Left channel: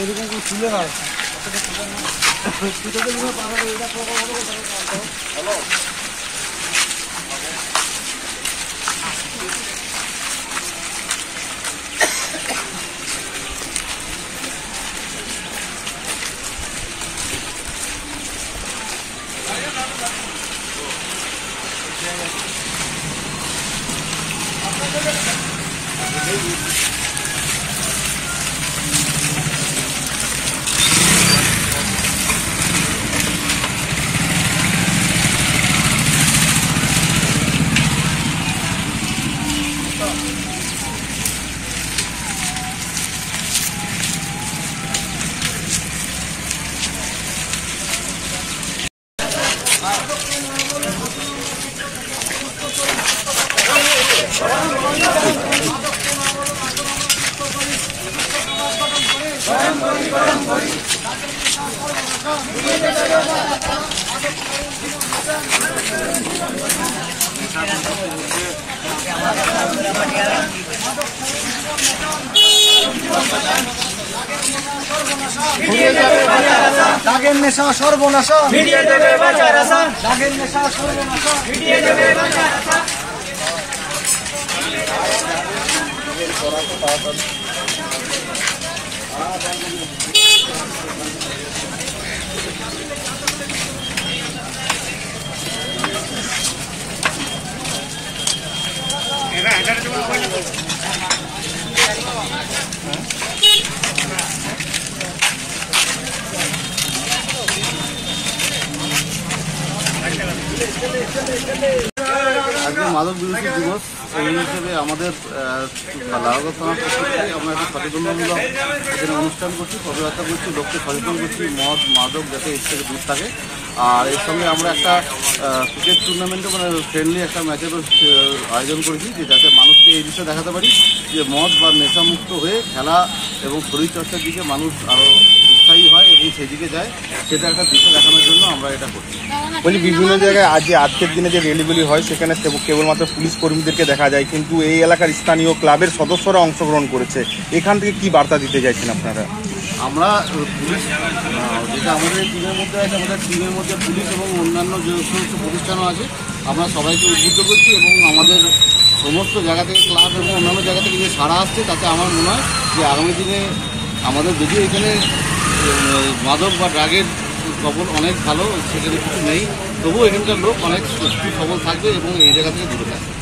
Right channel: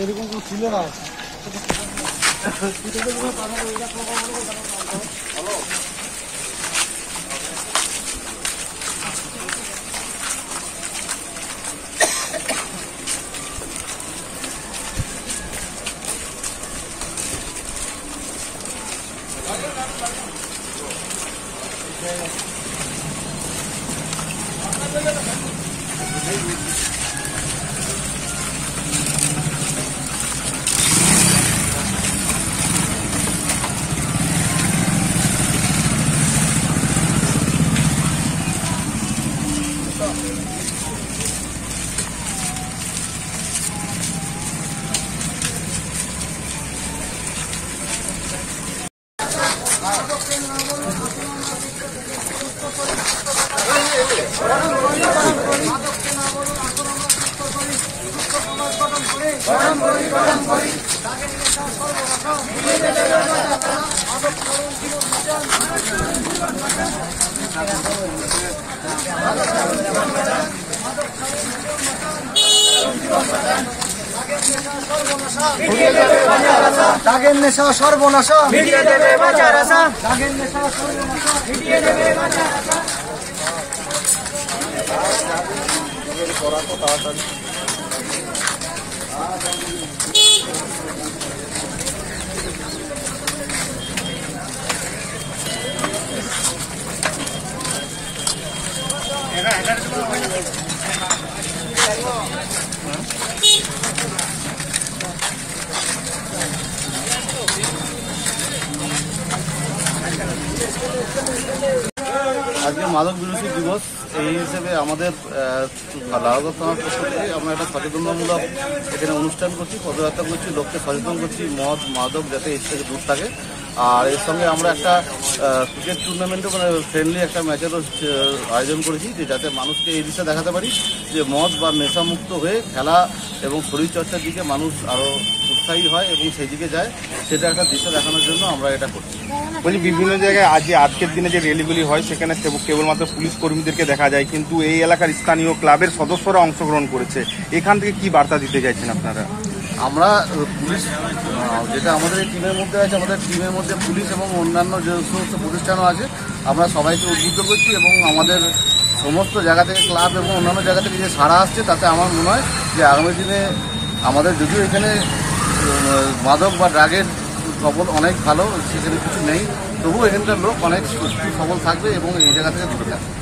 এরকম তুলে না দাগের নেশা সর্বনাশ মিটিয়ে দেবে বাঁচার আশা দাগের নেশা সর্বনাশ মিটিয়ে দেবে বাঁচার আশা আজকে মাদক বিরোধী দিবস এই হিসেবে আমাদের লাউগঞ্জ থানার পক্ষ থেকে আমরা একটা সচেতনমূলক এখানে অনুষ্ঠান করছি, পদযাত্রা করছি, লোককে সচেতন করছি মদ মাদক যাতে এর থেকে দূর থাকে। আর এর সঙ্গে আমরা একটা ক্রিকেট টুর্নামেন্টও মানে ফ্রেন্ডলি একটা ম্যাচেরও আয়োজন করেছি, যে যাতে মানুষকে এই বিষয়ে দেখাতে পারি যে মদ বা নেশামুক্ত হয়ে খেলা এবং শরীরচর্চার দিকে মানুষ আরও উৎসাহী হয় এবং সেদিকে যায়, সেটা একটা দিশা দেখানোর জন্য আমরা এটা করছি। বলি বিভিন্ন জায়গায় আজকের দিনে যে র্যালিগুলি হয় সেখানে কেবলমাত্র পুলিশ কর্মীদেরকে দেখা যায়, কিন্তু এই এলাকার স্থানীয় ক্লাবের সদস্যরা অংশগ্রহণ করেছে, এখান থেকে কি বার্তা দিতে চাইছেন আপনারা? আমরা পুলিশ যেটা আমাদের টিমের মধ্যে আছে, আমাদের টিমের মধ্যে পুলিশ এবং অন্যান্য যে সমস্ত প্রতিষ্ঠানও আছে, আমরা সবাইকে উদ্বুদ্ধ করছি এবং আমাদের সমস্ত জায়গা থেকে ক্লাব এবং অন্যান্য জায়গা থেকে যে সাড়া আসছে তাতে আমার মনে হয় যে আগামী দিনে আমাদের যদিও এখানে মাদক বা ড্রাগের খবর অনেক ভালো, সেখানে কিছু নেই, তবুও এখানকার লোক অনেক সুস্থ সবল থাকবে এবং এই জায়গা থেকে দূরে থাকবে।